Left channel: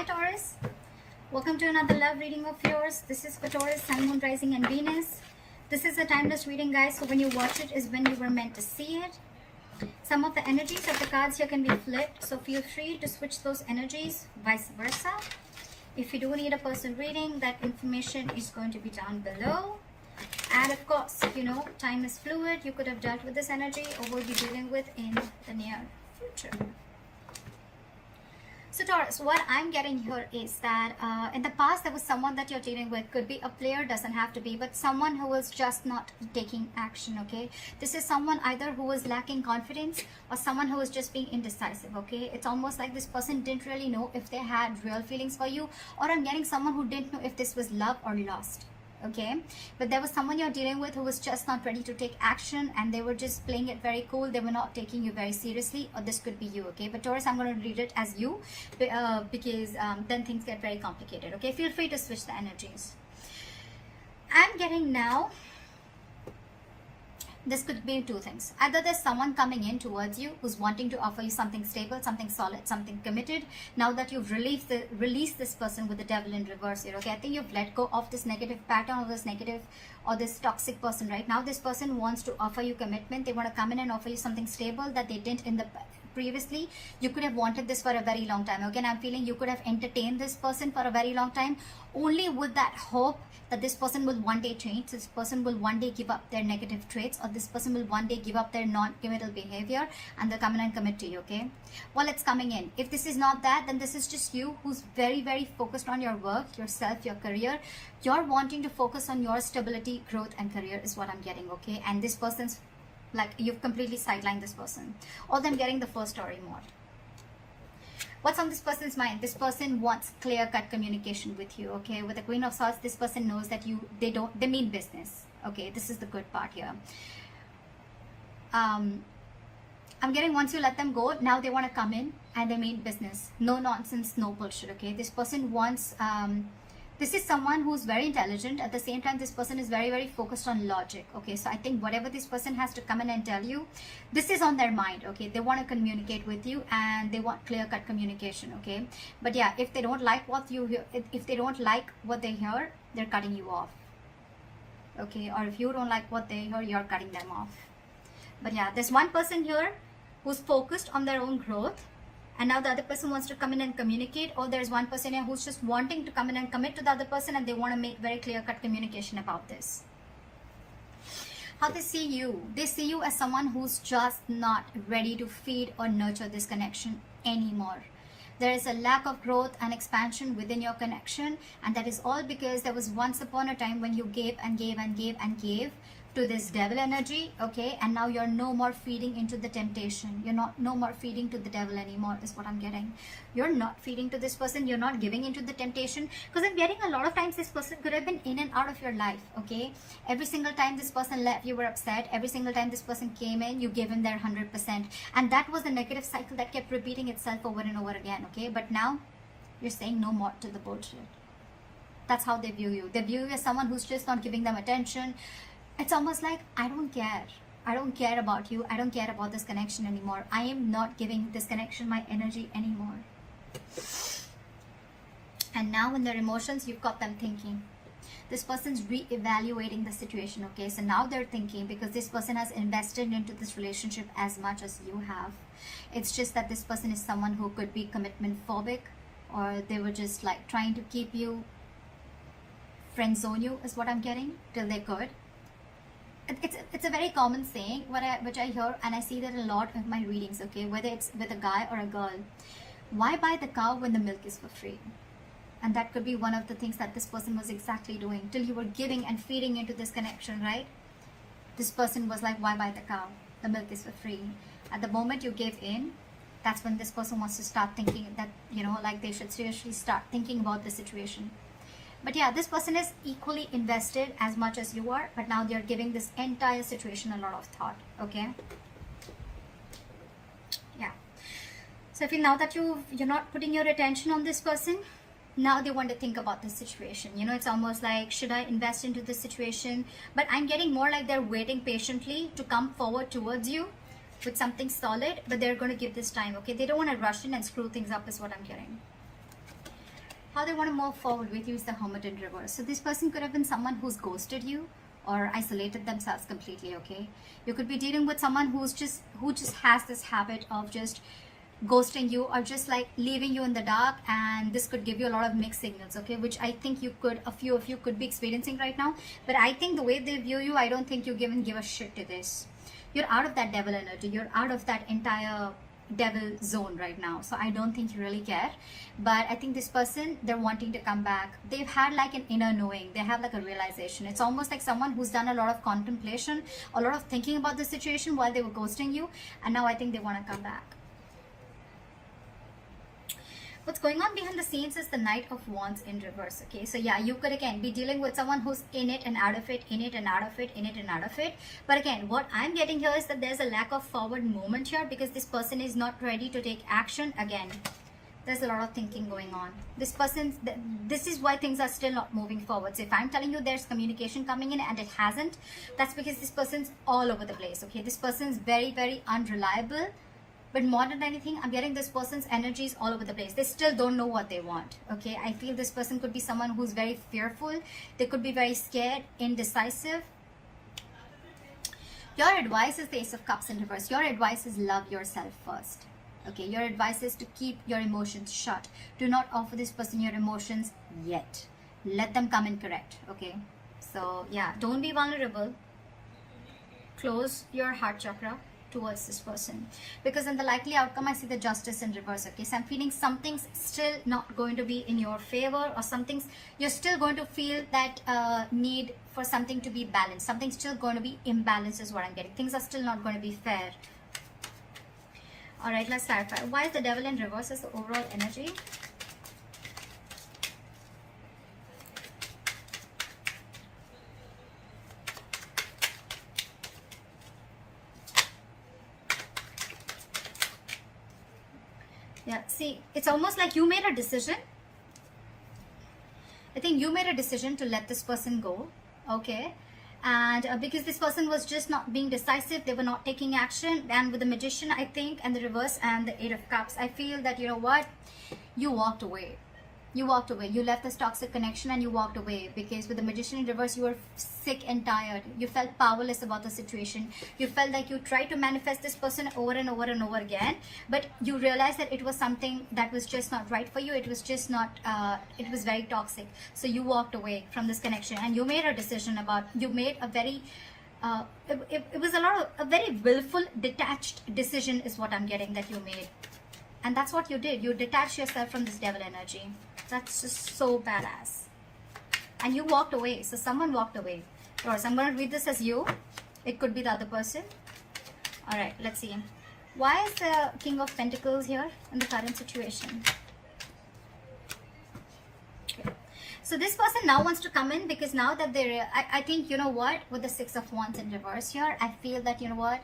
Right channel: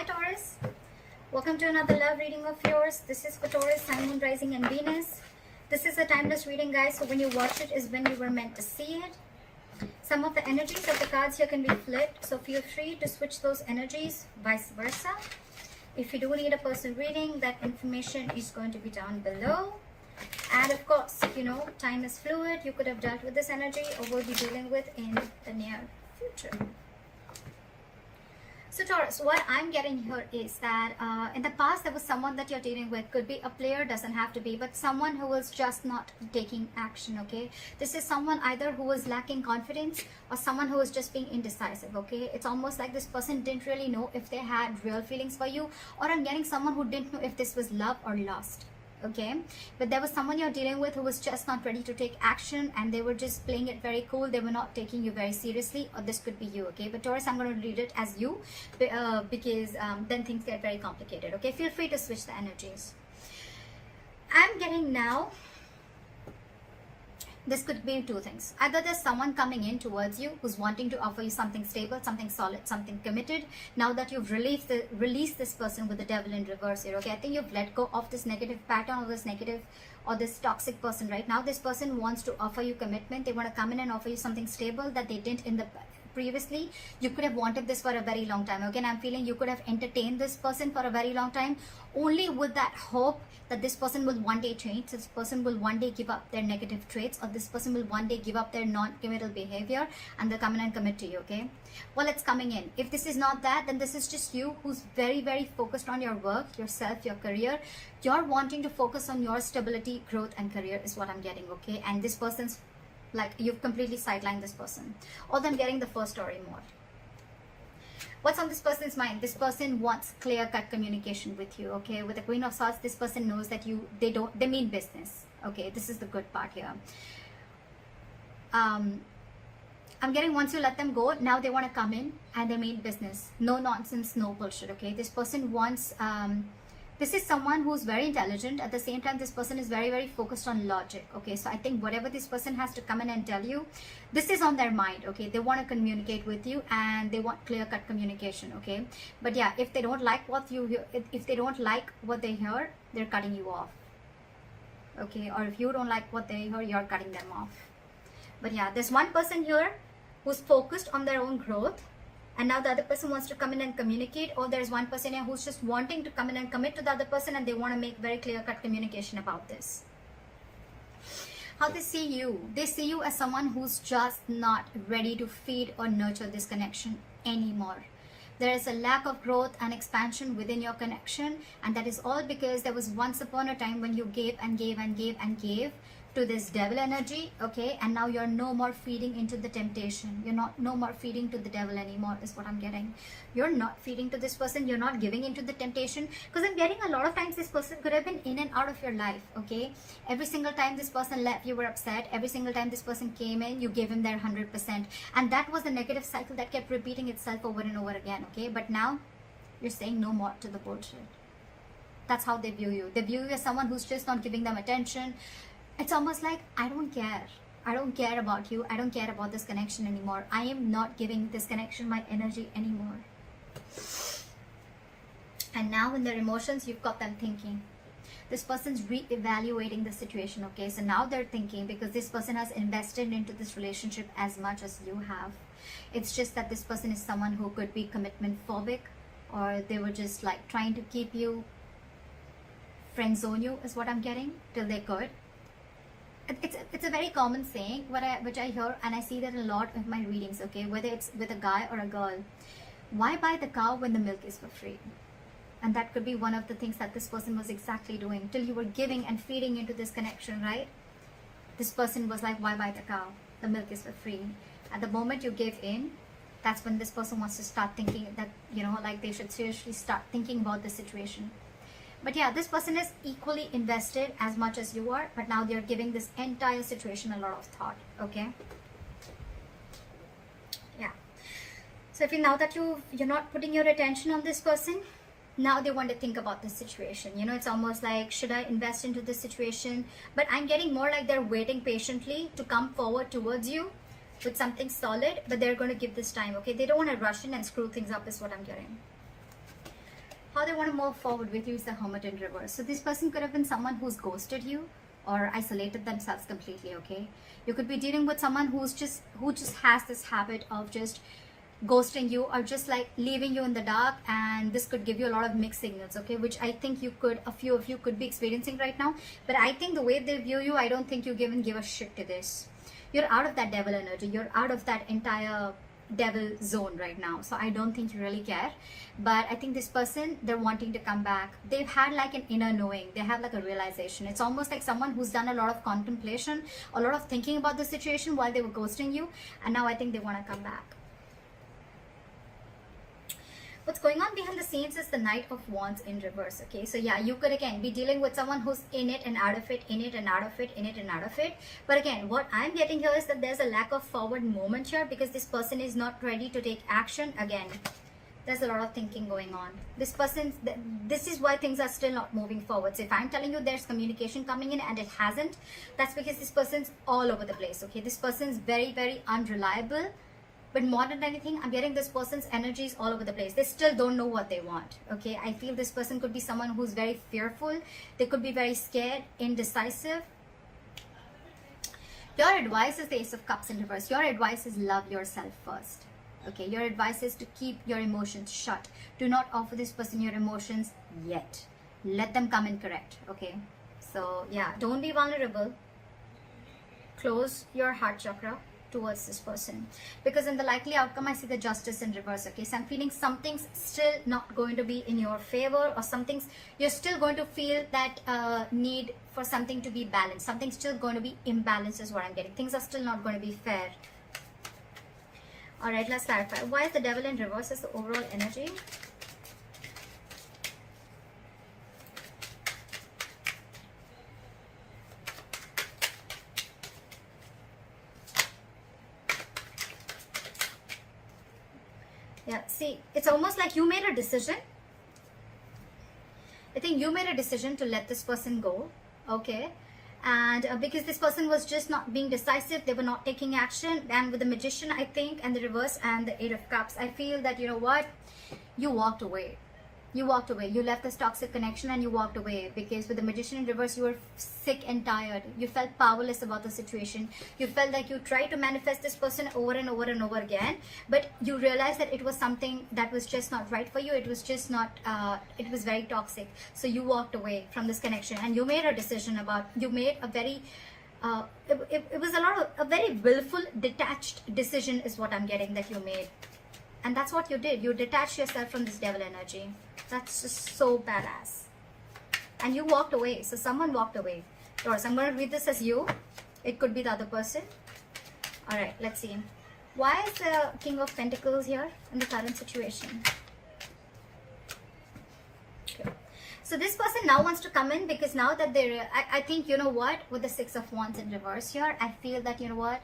Hi Taurus, welcome to another love reading of yours. This is for Taurus, Sun, Moon, Rising and Venus. This is a timeless reading, guys, so when you watch it is when you were meant to see it. Some of the energies of the cards here can be flipped, so feel free to switch those energies, vice versa. If you do need a personal reading, that information is going to be down below. And of course, you know, time is fluid. You could have dealt with this energy or will be dealing with in the near future. So Taurus, what I'm getting here is that in the past there was someone that you're dealing with. Could be a player, doesn't have to be, but someone who is just not taking action, okay? This is someone either who is lacking confidence or someone who is just being indecisive, okay? It's almost like this person didn't really know if they had real feelings for you, or I'm getting someone who didn't know if this was love or lust. Okay, but there was someone you're dealing with who was just not ready to take action, and they were just playing it very cool. They were not taking you very seriously, or this could be you. Okay, but Taurus, I'm going to read it as you because then things get very complicated. Okay, feel free to switch the energies. I'm getting now, this could be two things. Either there's someone coming in towards you who's wanting to offer you something stable, something solid, something committed. Now that you've released this person with the devil in reverse here, okay? I think you've let go of this negative pattern or this negative or this toxic person. Right now, this person wants to offer you commitment. They want to come in and offer you something stable that they didn't in the previously. You could have wanted this for a very long time. Okay, and I'm feeling you could have entertained this person for a very long time, only with that hope that this person will one day change, this person will one day give up their negative traits, or this person will one day give up their non-committal behavior and they'll come in and commit to you. Okay, well, it's coming in. If this is not that, then this is just you who's very, very focused on your work, yourself, your career. You're wanting to focus on your stability, growth and career is what I'm getting. Okay, and this person's like you've completely sidelined this person. All them getting the first story more. What's on this person's mind? This person wants clear-cut communication with you. Okay, with the Queen of Swords, this person knows that they mean business. Okay, this is the good part here. I'm getting, once you let them go, now they want to come in and they mean business. No nonsense, no bullshit. Okay, this person wants this is someone who's very intelligent. At the same time, this person is very, very focused on logic. Okay, so I think whatever this person has to come in and tell you, this is on their mind. Okay, they want to communicate with you and they want clear-cut communication. Okay, but yeah, if they don't like what you hear, if they don't like what they hear, they're cutting you off. Okay, or if you don't like what they hear, you're cutting them off. But yeah, there's one person here who's focused on their own growth, and now the other person wants to come in and communicate, or there's one person here who's just wanting to come in and commit to the other person, and they want to make very clear-cut communication about this. How they see you as someone who's just not ready to feed or nurture this connection anymore. There is a lack of growth and expansion within your connection, and that is all because there was once upon a time when you gave and gave and gave and gave to this devil energy. Okay, and now you're no more feeding into the temptation. You're no more feeding to the devil anymore is what I'm getting. You're not feeding to this person. You're not giving into the temptation, because I'm getting a lot of times this person could have been in and out of your life. Okay, every single time this person left, you were upset. Every single time this person came in, you gave him their 100%, and that was the negative cycle that kept repeating itself over and over again. Okay, but now you're saying no more to the bullshit. That's how they view you. They view you as someone who's just not giving them attention. It's almost like, I don't care. I don't care about you. I don't care about this connection anymore. I am not giving this connection my energy anymore. And now in their emotions, you've got them thinking. This person's re-evaluating the situation. Okay, so now they're thinking, because this person has invested into this relationship as much as you have. It's just that this person is someone who could be commitment phobic, or they were just like trying to keep you, friend zone you is what I'm getting, till they could. It's a very common saying which I hear, and I see that a lot in my readings. Okay, whether it's with a guy or a girl, why buy the cow when the milk is for free? And that could be one of the things that this person was exactly doing, till you were giving and feeding into this connection, right? This person was like, why buy the cow? The milk is for free. At the moment you give in, that's when this person wants to start thinking that, you know, like they should seriously start thinking about the situation. But yeah, this person is equally invested as much as you are, but now they're giving this entire situation a lot of thought. Okay, yeah. So if now that you're not putting your attention on this person, now they want to think about this situation. You know, it's almost like, should I invest into this situation? But I'm getting more like they're waiting patiently to come forward towards you with something solid, but they're going to give this time. Okay, they don't want to rush in and screw things up is what I'm getting. How they want to move forward with you is the Hermit in reverse. So this person could have been someone who's ghosted you or isolated themselves completely, okay? You could be dealing with someone who just has this habit of just ghosting you or just like leaving you in the dark, and this could give you a lot of mixed signals, okay, which I think a few of you could be experiencing right now. But I think the way they view you, I don't think you even give a shit to this. You're out of that devil energy, you're out of that entire devil zone right now, so I don't think you really care. But I think this person, they're wanting to come back. They've had like an inner knowing, they have like a realization. It's almost like someone who's done a lot of contemplation, a lot of thinking about the situation while they were ghosting you, and now I think they want to come back. What's going on behind the scenes is the Knight of Wands in reverse, okay? So yeah, you could again be dealing with someone who's in it and out of it, in it and out of it, in it and out of it. But again, what I'm getting here is that there's a lack of forward movement here because this person is not ready to take action. Again, there's a lot of thinking going on. This is why things are still not moving forward. So if I'm telling you there's communication coming in and it hasn't, that's because this person's all over the place, okay? This person's very, very unreliable. But more than anything, I'm getting this person's energies all over the place. They still don't know what they want, okay? I feel this person could be someone who's very fearful. They could be very scared, indecisive. Your advice is the Ace of Cups in reverse. Your advice is love yourself first, okay? Your advice is to keep your emotions shut. Do not offer this person your emotions yet. Let them come in correct, okay? So, yeah, don't be vulnerable. Close your heart chakra towards this person, because in the likely outcome I see the Justice in reverse, okay? So I'm feeling something's still not going to be in your favor, or you're still going to feel that need for something to be balanced. Something's still going to be imbalanced is what I'm getting. Things are still not going to be fair. All right, let's clarify. Why is the Devil in reverse as the overall energy? Yeah, see, it's almost like you made a decision. I think you made a decision to let this person go, okay? And because this person was just not being decisive, they were not taking action. And with the Magician, I think, and the reverse and the Eight of Cups, I feel that, you know what? You walked away. You walked away. You left this toxic connection and you walked away, because with the Magician in reverse, you were sick and tired. You felt powerless about the situation. You felt like you tried to manifest this person over and over and over again, but you realized that it was something that was just not right for you. It was just not, it was very toxic. So you walked away from this connection and you made a decision you made a very, it was a very willful, detached decision is what I'm getting that you made. And that's what you did. You detached yourself from this devil energy. That's just so badass. And you walked away. So someone walked away. Or I'm going to read this as you. It could be the other person. Alright, let's see. Why is the King of Pentacles here in the current situation? Okay. So this person now wants to come in, because now that I think, you know what, with the Six of Wands in reverse here, I feel that, you know what,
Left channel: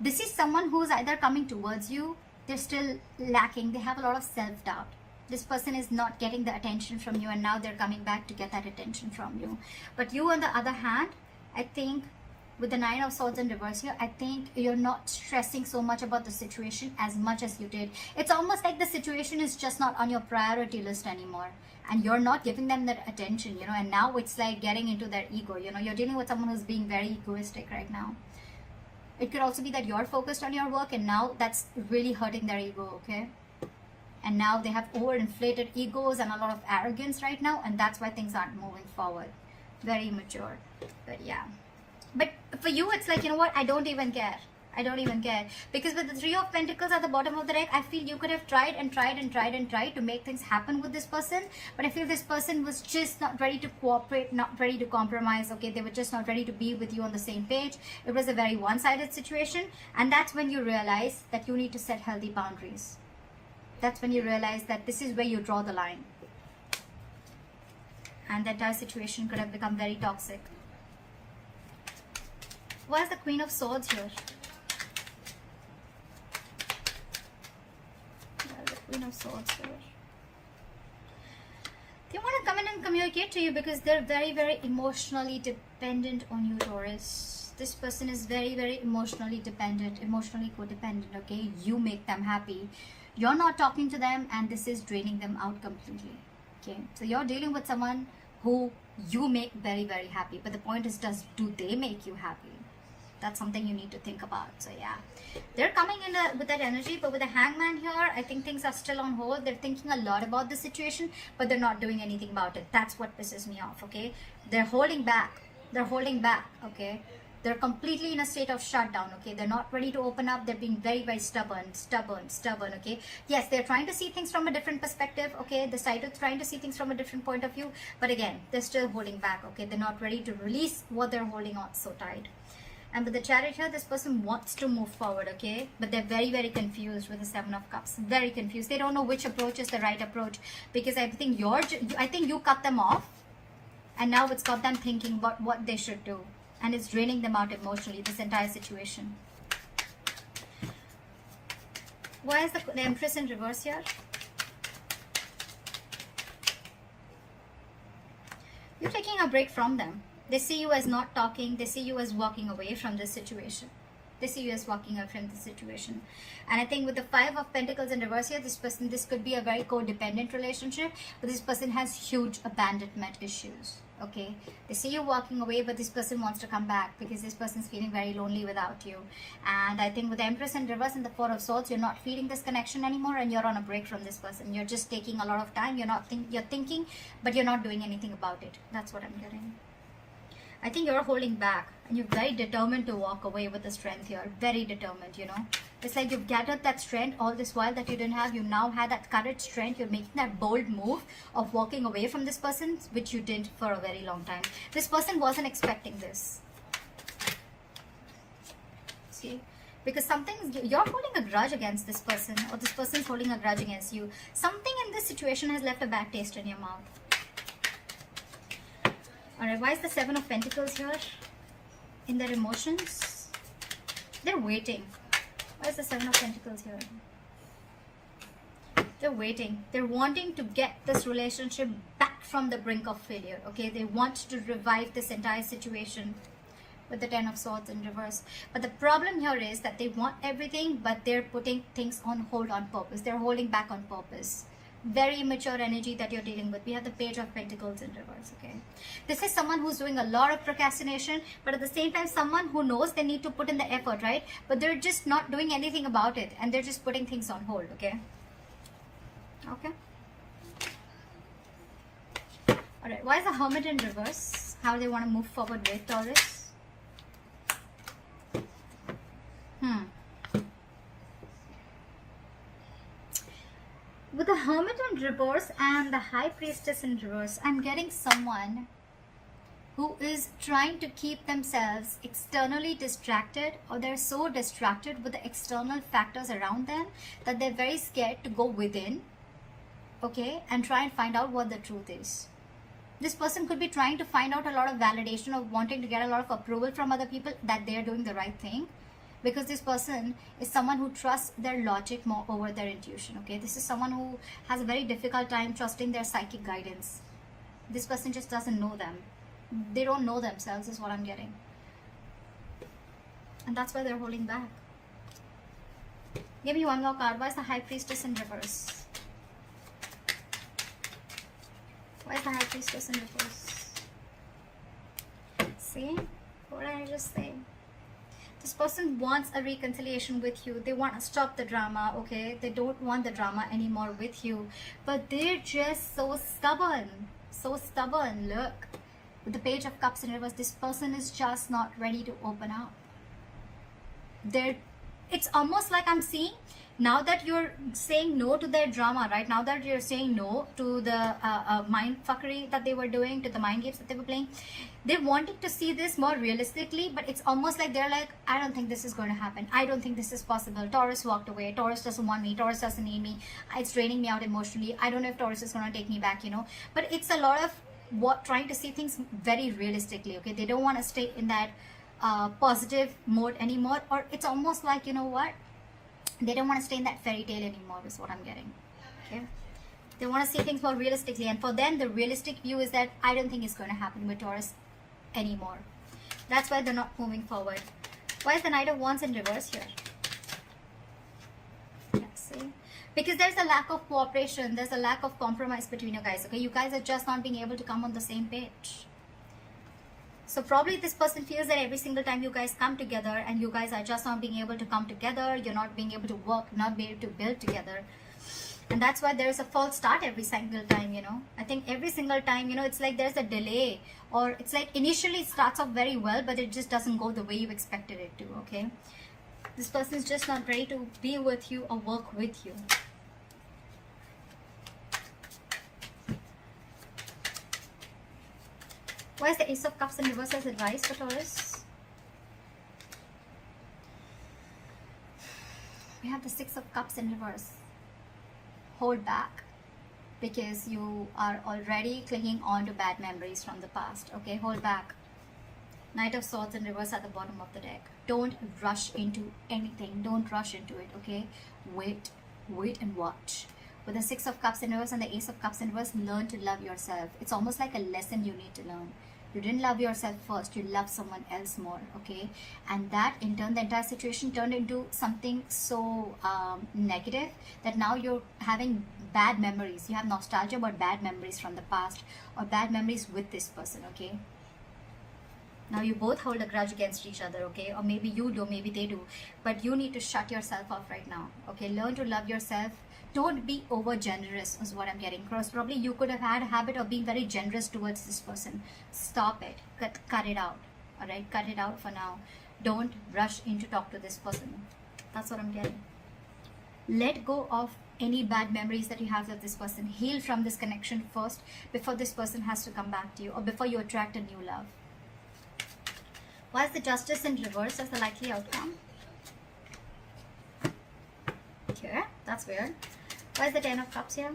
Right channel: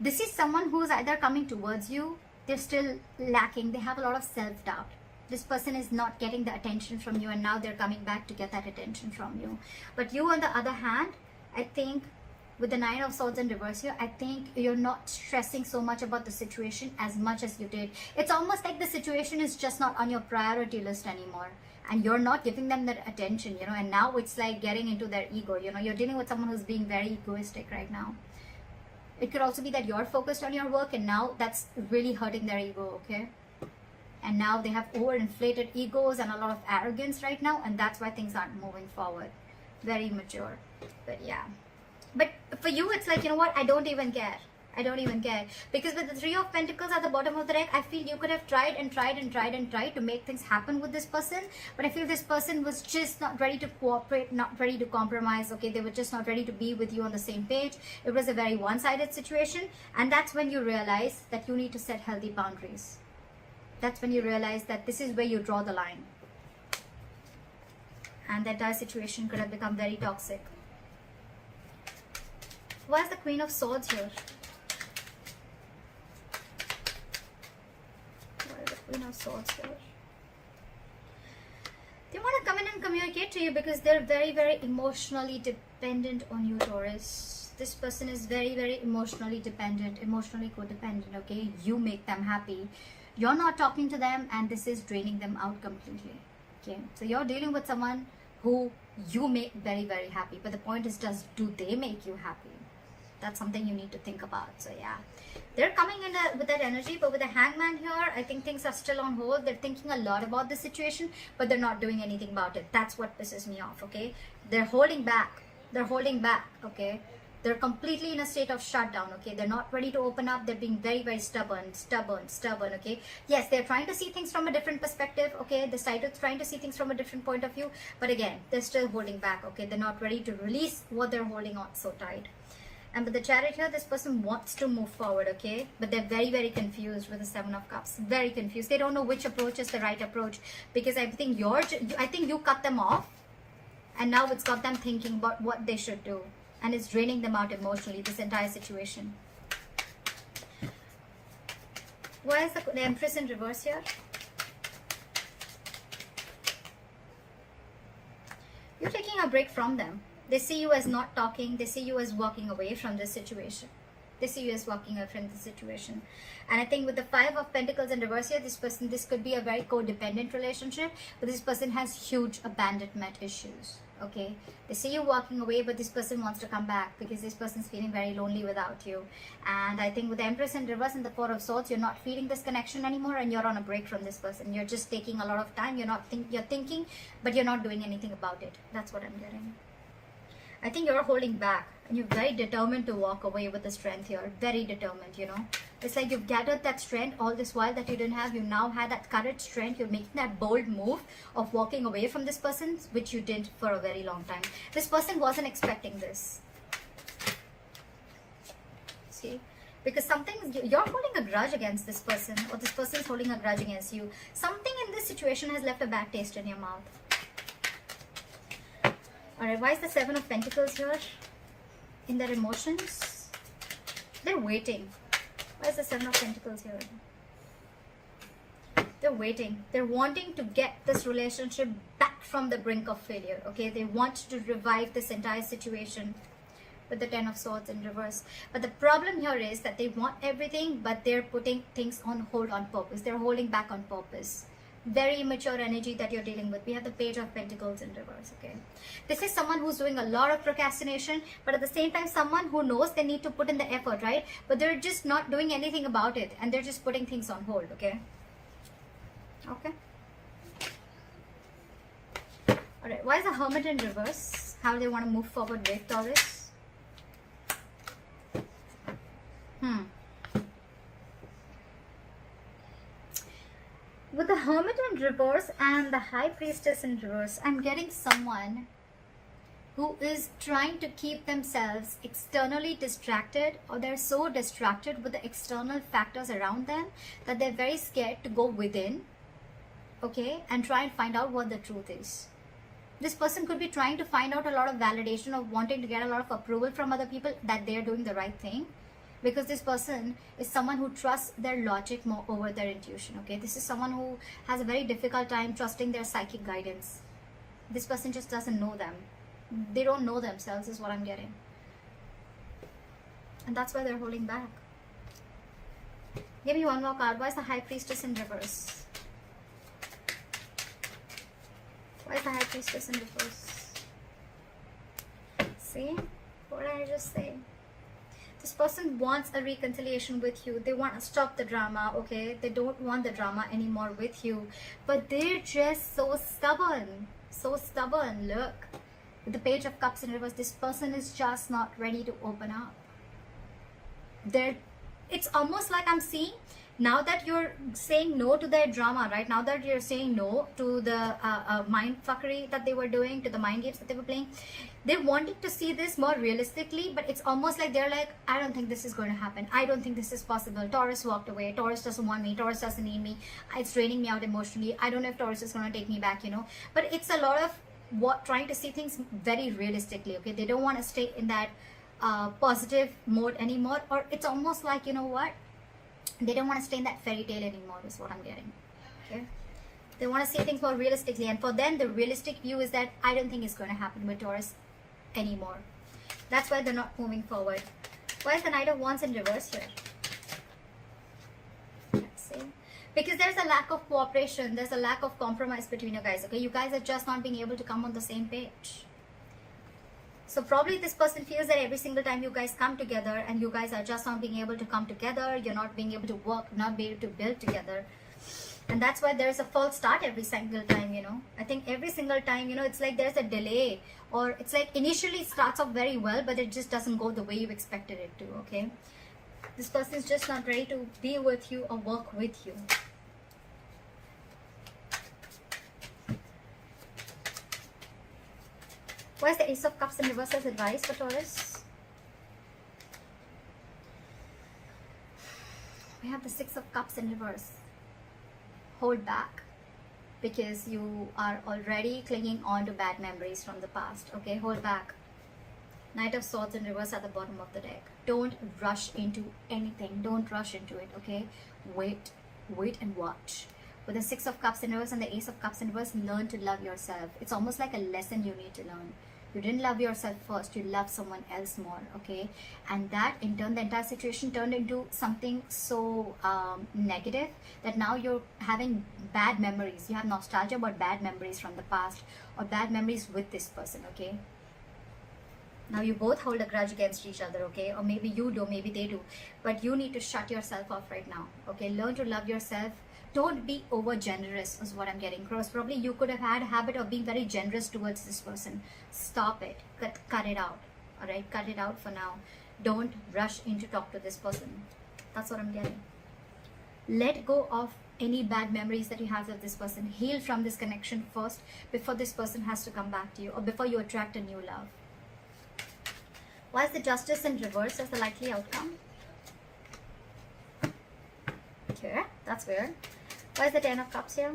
this is someone who's either coming towards you, they're still lacking, they have a lot of self-doubt. This person is not getting the attention from you, and now they're coming back to get that attention from you. But you, on the other hand, I think with the Nine of Swords in reverse here, I think you're not stressing so much about the situation as much as you did. It's almost like the situation is just not on your priority list anymore, and you're not giving them that attention, you know, and now it's like getting into their ego, you know. You're dealing with someone who's being very egoistic right now. It could also be that you're focused on your work, and now that's really hurting their ego, okay? And now they have overinflated egos and a lot of arrogance right now, and that's why things aren't moving forward. Very immature. But yeah. But for you, it's like, you know what, I don't even care. I don't even care. Because with the Three of Pentacles at the bottom of the deck, I feel you could have tried and tried and tried and tried to make things happen with this person. But I feel this person was just not ready to cooperate, not ready to compromise, okay? They were just not ready to be with you on the same page. It was a very one-sided situation. And that's when you realize that you need to set healthy boundaries. That's when you realize that this is where you draw the line. And the entire situation could have become very toxic. Why is the Queen of Swords here? Queen of Swords here. They want to come in and communicate to you because they're very, very emotionally dependent on you, Taurus. This person is very, very emotionally dependent, emotionally codependent, okay? You make them happy. You're not talking to them, and this is draining them out completely. Okay, so you're dealing with someone who you make very, very happy, but the point is just, do they make you happy? That's something you need to think about. So yeah, they're coming in with that energy, but with the Hangman here, I think things are still on hold. They're thinking a lot about the situation, but they're not doing anything about it. That's what pisses me off. Okay, they're holding back. They're holding back. Okay, they're completely in a state of shutdown. Okay, they're not ready to open up. They're being very, very stubborn. Okay, yes, they're trying to see things from a different perspective. Okay, they're trying to see things from a different point of view, but again, they're still holding back. Okay, they're not ready to release what they're holding on so tight. And with the Chariot here, this person wants to move forward, okay? But they're very, very confused with the Seven of Cups. Very confused. They don't know which approach is the right approach, because I think you cut them off, and now it's got them thinking about what they should do, and it's draining them out emotionally, this entire situation. Why is the Empress in reverse here? You're taking a break from them. They see you as not talking. They see you as walking away from this situation. They see you as walking away from this situation. And I think with the Five of Pentacles in reverse here, this could be a very codependent relationship, but this person has huge abandonment issues. Okay, they see you walking away, but this person wants to come back because this person is feeling very lonely without you. And I think with the Empress in reverse and the Four of Swords, you're not feeling this connection anymore, and you're on a break from this person. You're just taking a lot of time. You're thinking, but you're not doing anything about it. That's what I'm getting. I think you're holding back, and you're very determined to walk away with the strength here. Very determined, you know. It's like you've gathered that strength all this while that you didn't have. You now had that courage, strength. You're making that bold move of walking away from this person, which you did for a very long time. This person wasn't expecting this. See? Because you're holding a grudge against this person, or this person's holding a grudge against you. Something in this situation has left a bad taste in your mouth. Alright, why is the Seven of Pentacles here? In their emotions? They're waiting. Why is the Seven of Pentacles here? They're waiting. They're wanting to get this relationship back from the brink of failure. Okay, they want to revive this entire situation with the Ten of Swords in reverse. But the problem here is that they want everything, but they're putting things on hold on purpose. They're holding back on purpose. Very immature energy that you're dealing with. We have the Page of Pentacles in reverse. Okay, this is someone who's doing a lot of procrastination, but at the same time someone who knows they need to put in the effort, right? But they're just not doing anything about it, and they're just putting things on hold. Okay, all right, why is the Hermit in reverse? How do they want to move forward with Taurus? With the Hermit in reverse and the High Priestess in reverse, I'm getting someone who is trying to keep themselves externally distracted, or they're so distracted with the external factors around them that they're very scared to go within, okay, and try and find out what the truth is. This person could be trying to find out a lot of validation, of wanting to get a lot of approval from other people that they're doing the right thing. Because this person is someone who trusts their logic more over their intuition, okay? This is someone who has a very difficult time trusting their psychic guidance. This person just doesn't know them. They don't know themselves is what I'm getting. And that's why they're holding back. Give me one more card. Why is the High Priestess in reverse? Why is the High Priestess in reverse? See? What did I just say? This person wants a reconciliation with you. They want to stop the drama, okay? They don't want the drama anymore with you. But they're just so stubborn. So stubborn. Look. With the Page of Cups in reverse, this person is just not ready to open up. It's almost like I'm seeing, now that you're saying no to their drama, right? Now that you're saying no to the mind fuckery that they were doing, to the mind games that they were playing, they're wanting to see this more realistically, but it's almost like they're like, I don't think this is going to happen. I don't think this is possible. Taurus walked away. Taurus doesn't want me. Taurus doesn't need me. It's draining me out emotionally. I don't know if Taurus is going to take me back, you know. But it's a lot of trying to see things very realistically, okay? They don't want to stay in that positive mode anymore, or it's almost like, you know what? They don't want to stay in that fairy tale anymore is what I'm getting. Okay? They want to see things more realistically, and for them the realistic view is that I don't think it's going to happen with Taurus anymore. That's why they're not moving forward. Why is the Knight of Wands in reverse here? Let's see. Because there's a lack of cooperation, there's a lack of compromise between you guys, okay? You guys are just not being able to come on the same page. So probably this person feels that every single time you guys come together and you guys are just not being able to come together, you're not being able to work, not be able to build together. And that's why there's a false start every single time, you know. I think every single time, you know, it's like there's a delay, or it's like initially it starts off very well, but it just doesn't go the way you expected it to, okay? This person's just not ready to be with you or work with you. What is the Ace of Cups in reverse as advice for Taurus? We have the Six of Cups in reverse. Hold back, because you are already clinging on to bad memories from the past, okay? Hold back. Knight of Swords in reverse at the bottom of the deck. Don't rush into anything. Don't rush into it, okay? Wait and watch. With the Six of Cups in reverse and the Ace of Cups in reverse, learn to love yourself. It's almost like a lesson you need to learn. You didn't love yourself first, you love someone else more, okay? And that in turn, the entire situation turned into something so negative that now you're having bad memories. You have nostalgia about bad memories from the past, or bad memories with this person, okay? Now you both hold a grudge against each other, okay? Or maybe you do, maybe they do. But you need to shut yourself off right now, okay? Learn to love yourself. Don't be over generous is what I'm getting across. Probably you could have had a habit of being very generous towards this person. Stop it. Cut it out. Alright? Cut it out for now. Don't rush in to talk to this person. That's what I'm getting. Let go of any bad memories that you have with this person. Heal from this connection first before this person has to come back to you, or before you attract a new love. Why is the Justice in reverse as the likely outcome? Okay, that's weird. Why is the Ten of Cups here?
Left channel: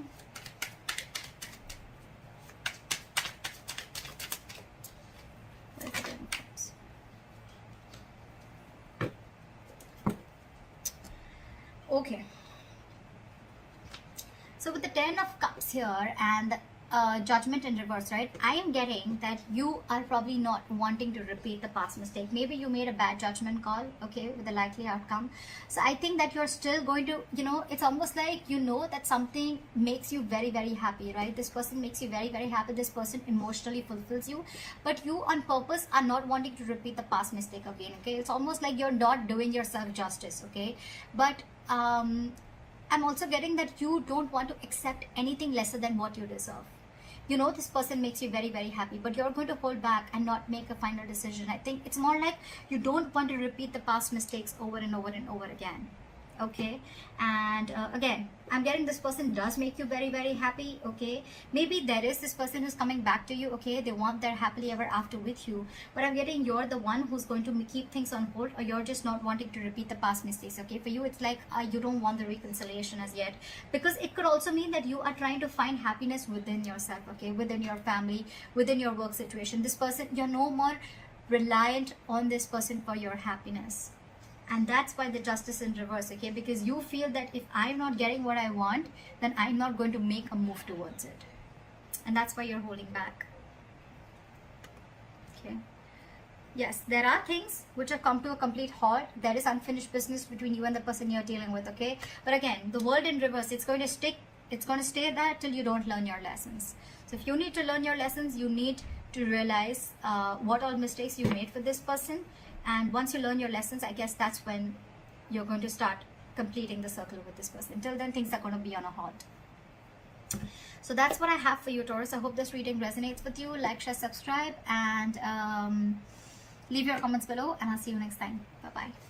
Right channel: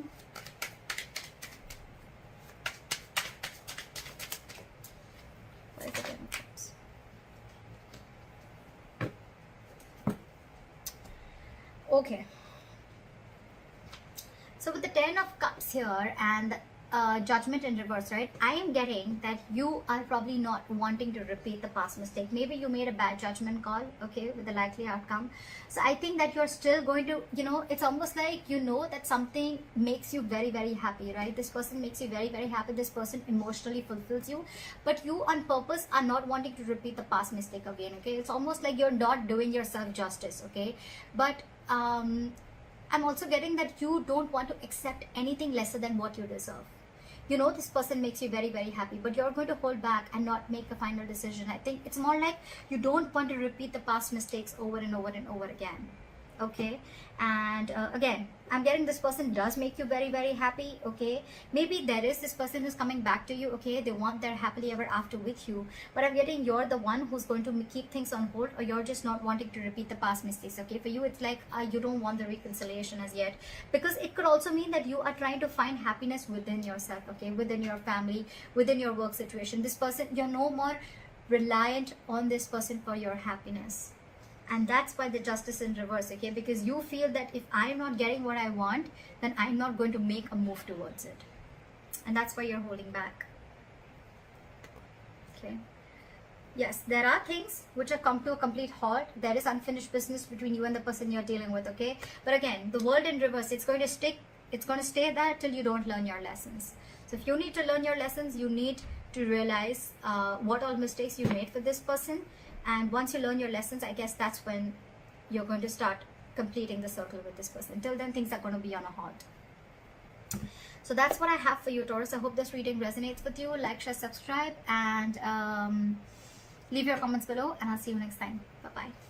Why is the Ten of Cups? Okay. So with the Ten of Cups here and Judgment in reverse, right? I am getting that you are probably not wanting to repeat the past mistake. Maybe you made a bad judgment call, okay, with the likely outcome. So I think that you're still going to, you know, it's almost like you know that something makes you very, very happy, right? This person makes you very, very happy. This person emotionally fulfills you. But you on purpose are not wanting to repeat the past mistake again, okay? It's almost like you're not doing yourself justice, okay? But I'm also getting that you don't want to accept anything lesser than what you deserve. You know, this person makes you very, very happy, but you're going to hold back and not make a final decision. I think it's more like you don't want to repeat the past mistakes over and over and over again. Okay, and again, I'm getting this person does make you very, very happy. Okay, maybe there is this person who's coming back to you. Okay, they want their happily ever after with you, but I'm getting you're the one who's going to keep things on hold, or you're just not wanting to repeat the past mistakes. Okay, for you it's like you don't want the reconciliation as yet, because it could also mean that you are trying to find happiness within yourself. Okay, within your family, within your work situation. This person, you're no more reliant on this person for your happiness. And that's why the Justice in reverse, okay? Because you feel that if I'm not getting what I want, then I'm not going to make a move towards it. And that's why you're holding back. Okay. Yes, there are things which have come to a complete halt. There is unfinished business between you and the person you're dealing with, okay? But again, the world in reverse, it's going to stick. It's going to stay there till you don't learn your lessons. So if you need to learn your lessons, you need to realize what all mistakes you made with this person. And once you learn your lessons, I guess that's when you're going to start completing the circle with this person. Till then, things are going to be on a halt. So that's what I have for you, Taurus. I hope this reading resonates with you. Like, share, subscribe, and leave your comments below. And I'll see you next time. Bye-bye.